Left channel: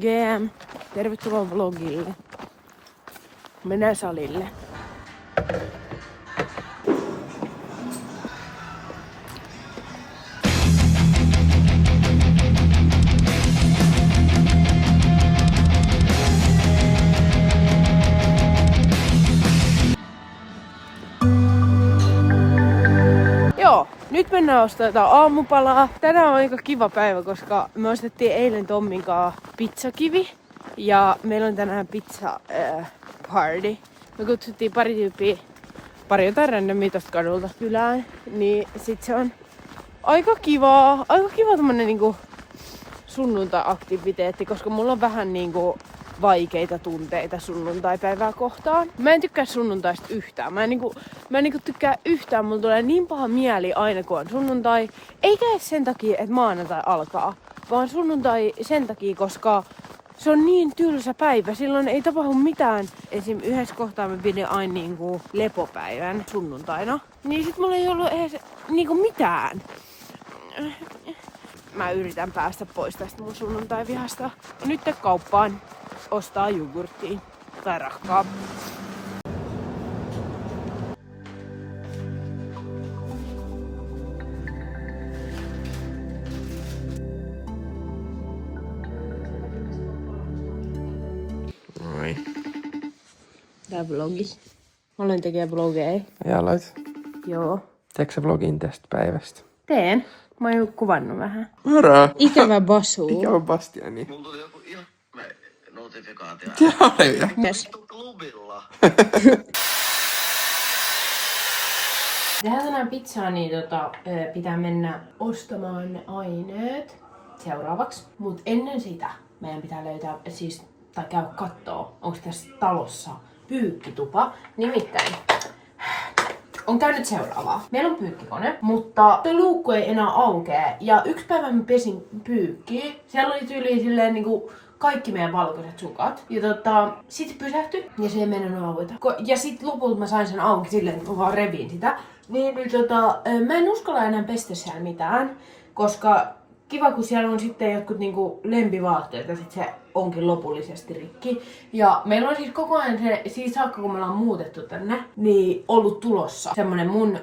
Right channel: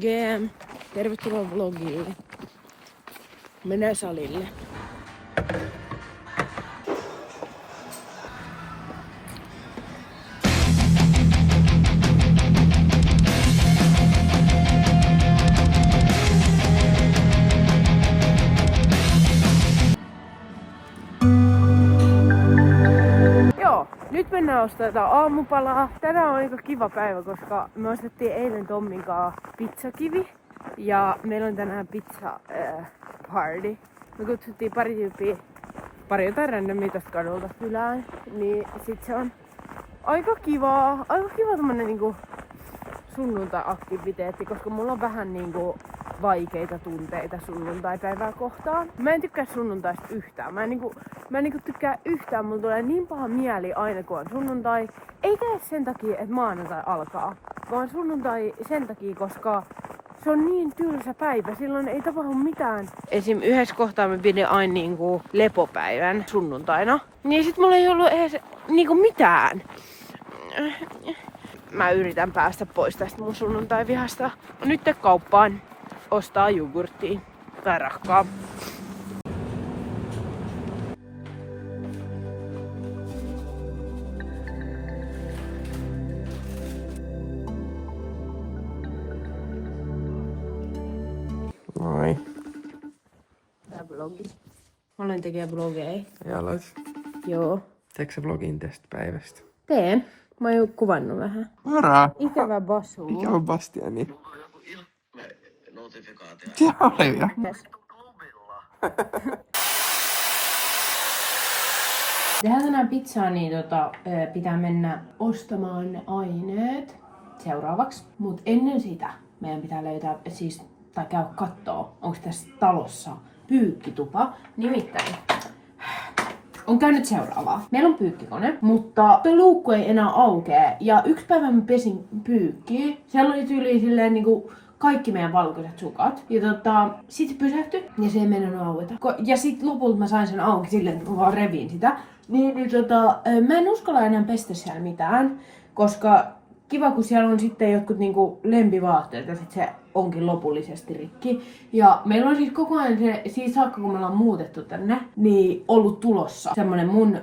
GM, tervetuloa vlogille. Mennään salille. Nyt mennään ostamaan aamupalaa. Tänään on aika kiva päivä, koska me ostettiin eilen Tommin kanssa pizzakivi. Ja meillä on tänään pizza party. Me kutsuttiin pari tyyppiä, pari jotain randomia tosta kadulta kylään. Niin sit se on aika kiva tämmönen niinku sunnuntai-aktiviteetti, koska mulla on vähän niinku vaikeita tunteita sunnuntaipäivää kohtaan. Mä en tykkää sunnuntaista yhtään. Mä en tykkää yhtään. Mulla tulee niin paha mieli aina kun on sunnuntai. Eikä sen takia, että maanantai alkaa. Vaan sunnuntai sen takia, koska se on niin tylsä päivä. Silloin ei tapahdu mitään. Esim. Yhdessä kohtaa mä pidin aina niinku lepopäivän sunnuntaina. Niin sit mulla ei ollut edes niinku mitään. Mä yritän päästä pois tästä mun sunnuntai-vihasta. Nyt kauppaan ostaa jogurttia tai rahkaa. Moi. Tää vlogi. Mä aloin tekemään vlogeja. Ja aloit. Joo. Teekö sä vlogin tästä päivästä? Teen. Mä oon jo kuvannut vähän. Moro! Ikävä Basu. Ikävä Bastiani. Mulla tuli joku ihme notifikaatio. Jaa, Yes. Klubilla. Tehdään tänään pizzaa, niin pitää mennä ostamaan ne aineet seuraavaksi. Mut ennen sitä meidän pitää löytää, tai käydä kattoo, onko tässä talossa pyykkitupa. Nimittäin on käynyt seuraavaa. Meillä on pyykkikone, mutta se luukku ei enää aukee. Ja yksi päivä mä pesin pyykkiä. Siellä oli tyyliin silleen niinku kaikki meidän valkoiset sukat. Ja sit se pysähtyi ja se ei mennyt aueta. Ja sit lopulta mä sain sen auki silleen, että mä vaan revin sitä. Mä en uskalla enää pestä siellä mitään, koska kiva kun siellä on sitten jotkut niinku lempivaatteet ja sit se onkin lopullisesti rikki. Ja meillä on siis koko ajan se, siis saakka kun me ollaan muutettu tänne, niin ollut tulossa semmonen mun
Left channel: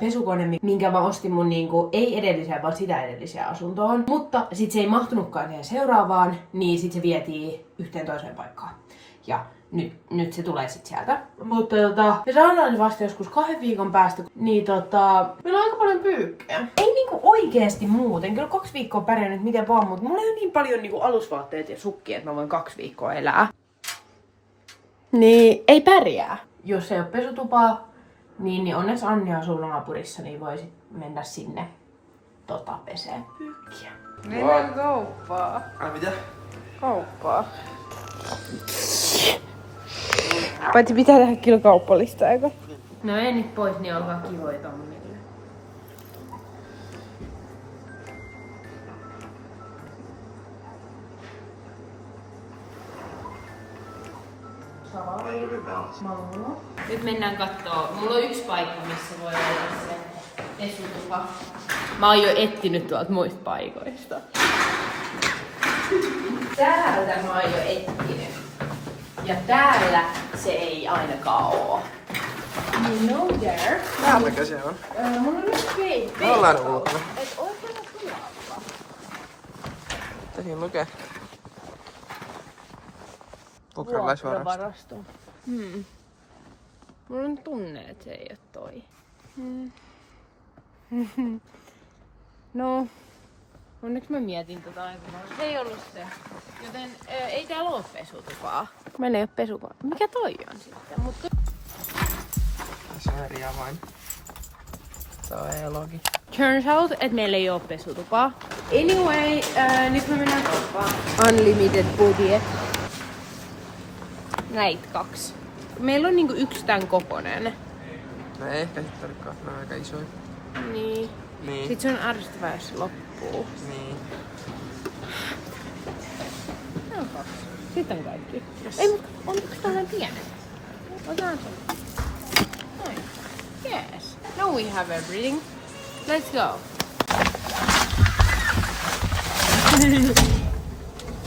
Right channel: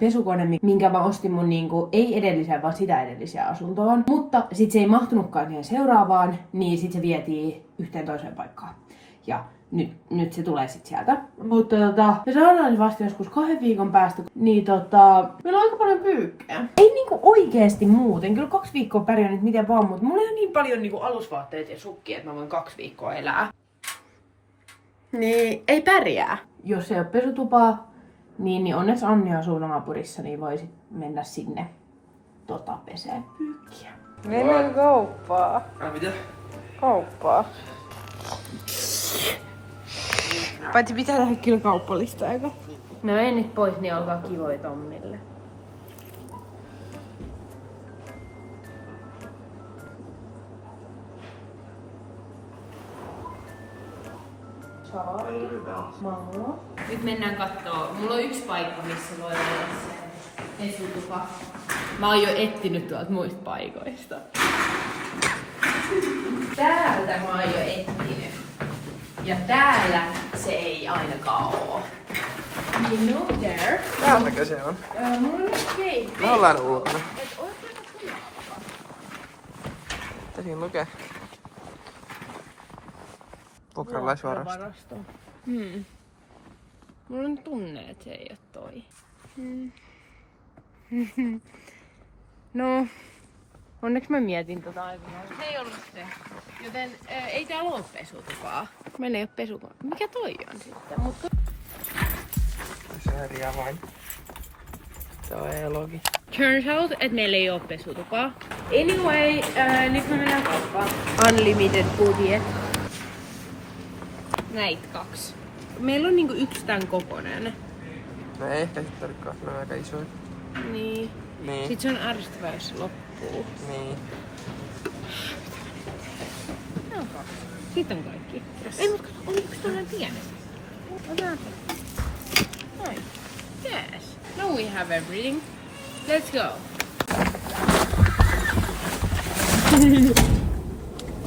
pesukone, minkä mä ostin mun niinku, ei edelliseen, vaan sitä edelliseen asuntoon. Mutta sit se ei mahtunutkaan siihen seuraavaan, niin sit se vietiin yhteen toiseen paikkaan. Ja nyt se tulee sit sieltä. Mutta me saadaan se vasta joskus 2 viikon päästä. Niin meillä on aika paljon pyykkejä. Ei niinku oikeesti muuten. Kyllä 2 viikkoa pärjännyt miten vaan, mutta mulla on niin paljon niinku alusvaatteet ja sukkia, että mä voin 2 viikkoa elää. Niin ei pärjää. Jos ei ole pesutupaa, niin onneksi Anni asuu naapurissa, niin voi sit mennä sinne pesee pyykkiä. Mennään kauppaan. Mitä? Kauppaa. Paitsi pitää tehdä kyllä kauppalista, eikö? No ei nyt pois, niin olkaa kivoja Tommille. Nyt mennään kattoo. Mulla on yksi paikka, missä voi olla se pesutupa. Mä oon jo etsinyt tuolta muista paikoista. Täältä mä oon jo etsinyt. Ja täällä se ei ainakaan oo. You know there. Täältäkö se on? Mulla on nyt keittiö. Me ollaan ulkona. Et oikein kyllä. Mitä siinä lukee? Vuokralaisvarasto. Mulla on tunne, että se ei oo toi. No, onneksi mä mietin tota aikanaan. Se ei ollut se. Joten ei täällä oo pesutupaa. Meillä ei oo pesutupaa. Mikä toi on sitten? Se on eri avain. Se on elogi. Turns out, että meillä ei oo pesutupaa. Anyway, nyt me mennään kauppaan. Unlimited budget. Näitä 2. Meillä on niinku 1 tän kokonen. No ei ehkä sit olikaan, ne on aika isoja. Niin. Niin. Sit se on ärsyttävää, jos se loppuu. Niin. No 2. Sitten on kaikki. Yes. Ei, mutta onko tällainen pienet? Otetaan se. Oh. Yes. Now we have everything. Let's go.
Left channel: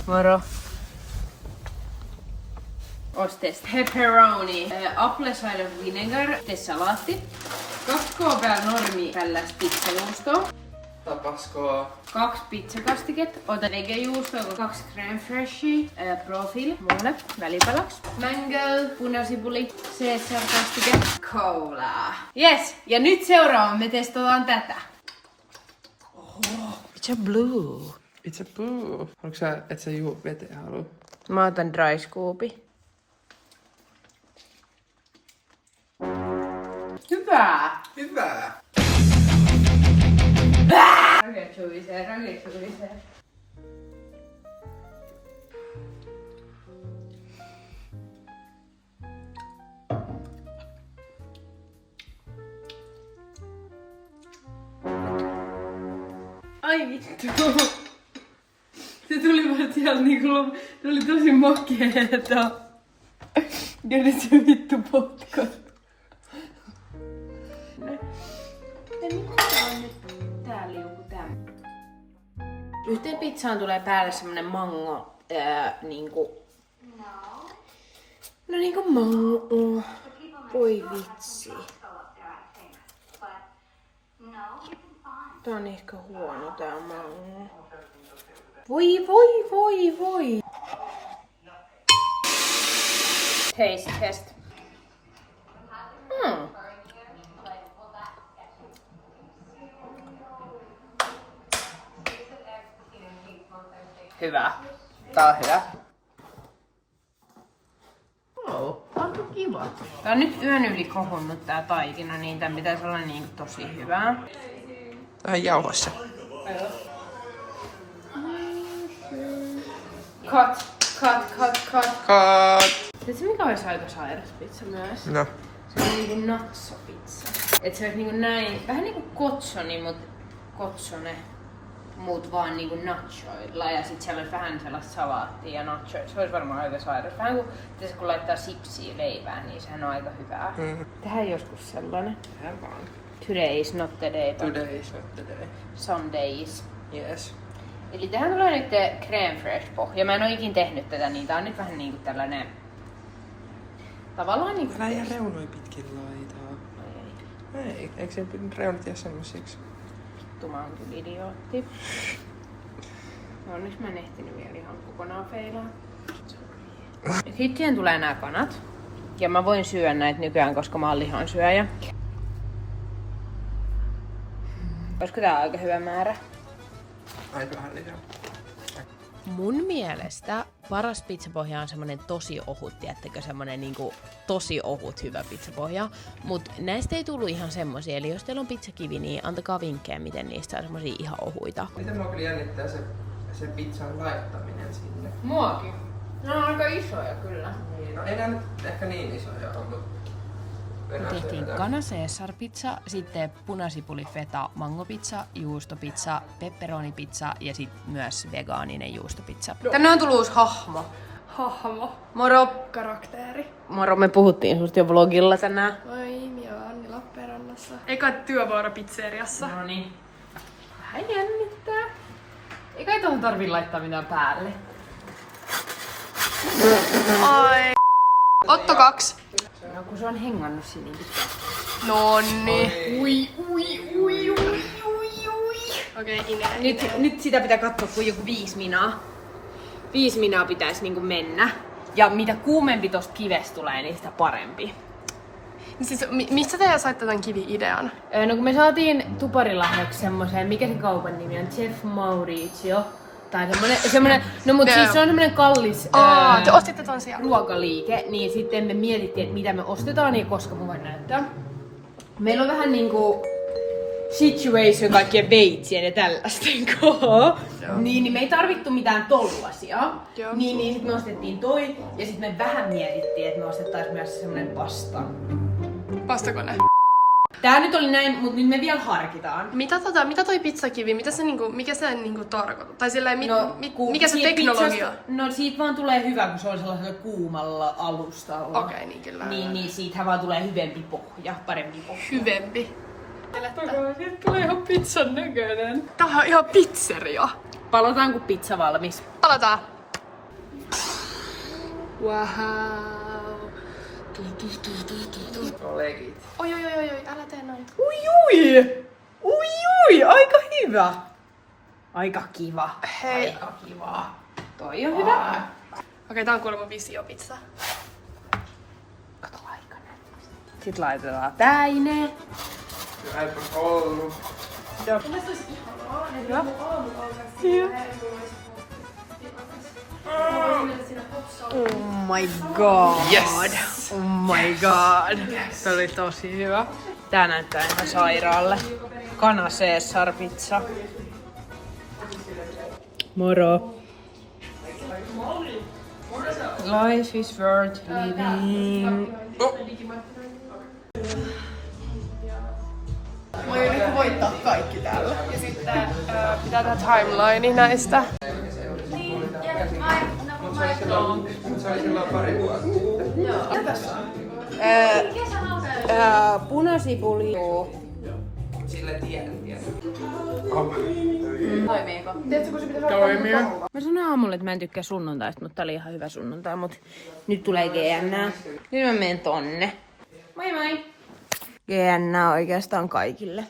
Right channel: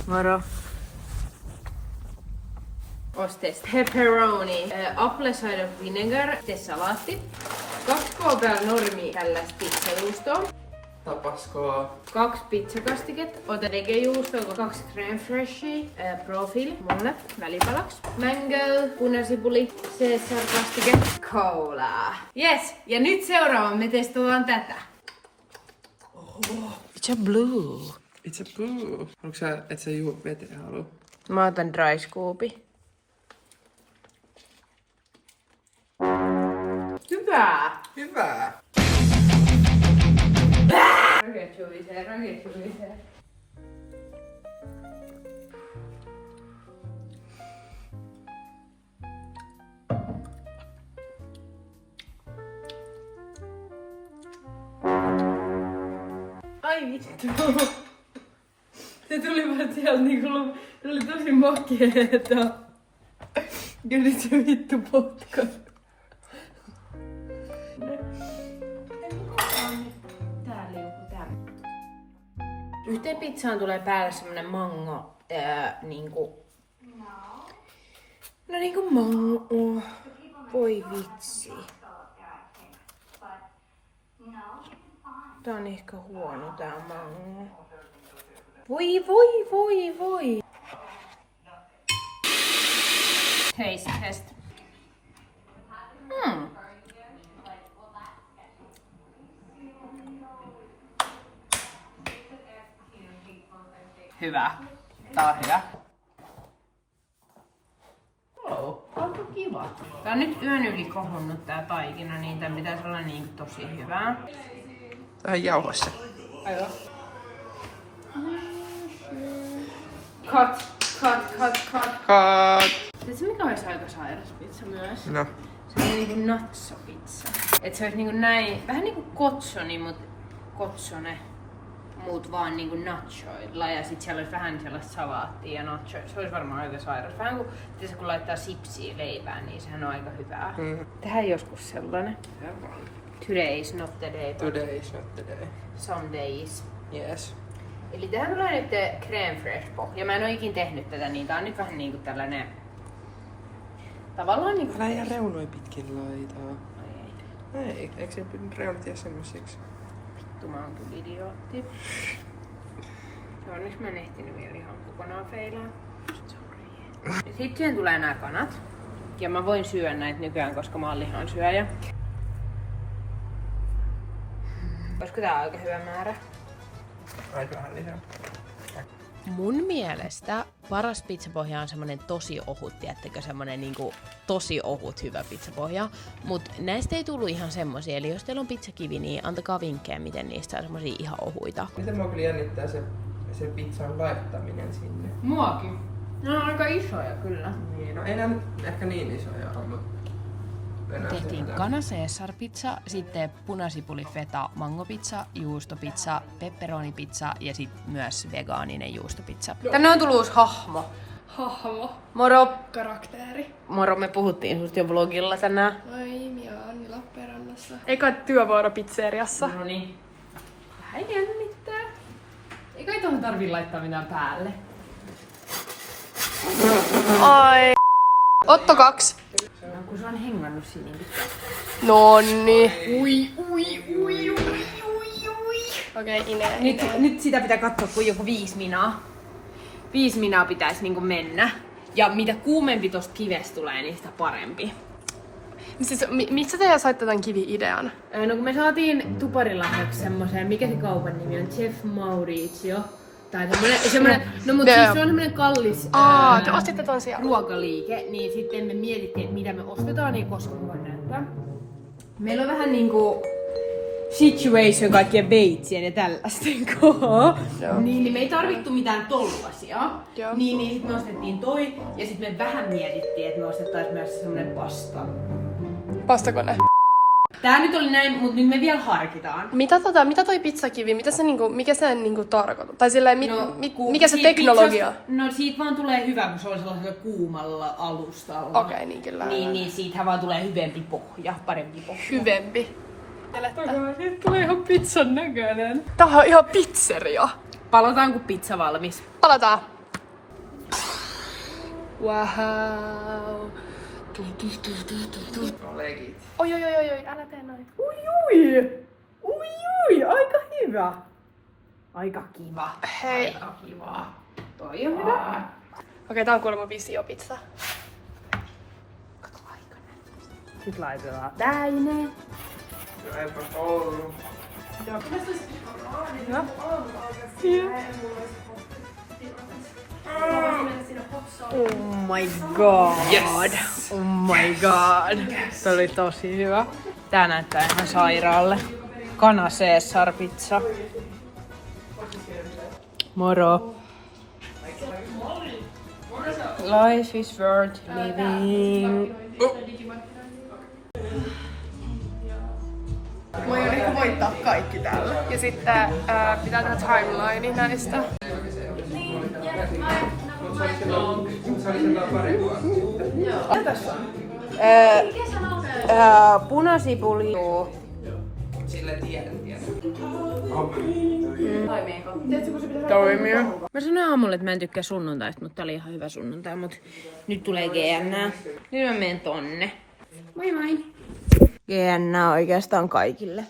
Moro. Ostes pepperoni, apple cider vinegar, salaatti, 2 kg normi tällaista pizzajuustoa, Tapaskoa. 2 pizzakastiketta, ota vegejuustoa, 2 crème freshia, profil mulle välipalaksi, mango, punasipuli, Caesar-kastike, cola. Yes, ja nyt seuraava me testataan tätä. It's a blue. It's a blue. Onko sä, et sä juu veteen halua? Mä otan dry scoopi. Hyvää! Hyvä. Raketuisee. Ai vittu. Se tuli vaan sieltä niinku, se oli tosi makeeta. Ja nyt se vittu potkas. Yhteen pizzaan tulee päälle semmonen mango, niinku... No niinku mango. Voi vitsi. Tää on ehkä huono tää mango. Voi. Taste test. Hyvä. Tää on hyvä. Onko kiva? Tää on nyt yön yli kohonnut tää taikina, niin tän pitäisi olla niinku tosi hyvää. Tähän jauhossa. Aivan. Cut. Tiedätkö mikä olisi aika sairas pizza myös? No. Se on niinku natsopizza. Et se olisi niinku näin, vähän niinku kotsone, mut vaan niinku nachoilla ja sit siellä olisi vähän sellaista salaattia ja nachoilla. Se olisi varmaan aika sairas. Vähän kuin kun laittaa sipsiä leivään, niin sehän on aika hyvää. Tehdään joskus sellainen. Tehdään vaan. Today is not the day. Today is not the day. Some days. Yes. Eli tähän tulee nyt crème fresh pohja. Mä en oo ikin tehnyt tätä, niin tää on nyt vähän niinku tällainen... Tavallaan niinku... Älä jää reunoi pitkin laitaa. Ei. Eikö se reunat jää semmosiksi? Vittu mä oon kyllä idiootti. No nyt mä en ehtinyt vielä ihan kokonaan feilaa. Sitten siihen tulee nää kanat. Ja mä voin syödä näitä nykyään, koska mä oon lihansyöjä. Olisiko tää aika hyvä määrä? Ai vähän lisää. Mun mielestä paras pizzapohja on semmonen tosi ohut, tiedättekö, semmonen niinku tosi ohut hyvä pizzapohja. Mut näistä ei tullut ihan semmosia, eli jos teillä on pizzakivi, niin antakaa vinkkejä, miten niistä saa semmosia ihan ohuita. Miten mua kyllä jännittää se pizzan laittaminen sinne? Muakin. Ne on aika isoja kyllä. No ei nää nyt ehkä niin isoja ole, mutta... Tehtiin kana Caesar pizza, sitten punasipuli feta mangopizza, juustopizza, pepperonipizza ja sitten myös vegaaninen juustopizza. Tänne on tullut uusi hahmo. Moro. Karakteeri. Moro, me puhuttiin susta jo vlogilla tänään. Oi, minä olen Anni Lappeenrannassa. Eka työvuoro pizzeriassa. No niin. Vähän jännittää. Ei kai tohon tarvii laittaa mitään päälle. Ai. Otto 2. No kun se on hengannut siinä niin pitkään. Nonni. Ui. Okei, Ine. Nyt sitä pitää katsoa kuin joku 5 minaa. 5 minaa pitäisi niinku mennä. Ja mitä kuumempi tosta kivestä tulee, niin sitä parempi. Siis, mistä te saitte tämän kivi-idean? No kun me saatiin tuparilahjaksi semmoseen, mikä se kaupan nimi on? Chef Maurizio. Tai semmonen no mut siis se on semmonen kallis te ostitte ton siellä. ruokaliike, niin sitten me mietittiin, että mitä me ostetaan ja koska voin näyttää. Meillä on vähän niinku situation kaikkien veitsien ja tällaisten kohdalla. Niin me ei tarvittu mitään tollasia. Niin sit me ostettiin toi ja sit me vähän mietittiin, että me ostettais myös semmonen pasta. Pastakone. Tää nyt oli näin, mut nyt me vielä harkitaan. Mitä toi pizzakivi, mikä se tarkoittaa? Tai silleen, mikä se teknologia? No siitä vaan tulee hyvä, kun se on sellaisella kuumalla alustalla. Okei, niin kyllä. Niin siitähän vaan tulee hyvempi pohja, parempi pohja. Hyvempi. Nyt tulee ihan pizzan näköinen. Tää on ihan pizzeria. Palataan kun pizza valmis. Palataan. Wow. Legit. Oi, älä tee noin. Ui, aika hyvä. Aika kiva. Hei. Aika kiva. Toi on hyvä. Okei, tää on kuulemma visiopizza. Sitten laitetaan täine. Eipä ollut. Hyvä. Oh my god. Yes. Oh my god. Yes. Tämä oli tosi hyvä. Tää näyttää ihan sairaalle. Kana Caesar pizza. Moro. Life is worth living. Mä aion ehkä voittaa kaikki täällä. Ja sitten pitää tehdä timeline näistä. Punasipuli. Sillä tiedän. Toimii. Mä sanoin aamulla, että mä en tykkää sunnuntaista, mutta tää oli ihan hyvä sunnuntai. Mut nyt tulee GN. Nyt mä menen tonne. Moi moi! GN oikeastaan kaikille.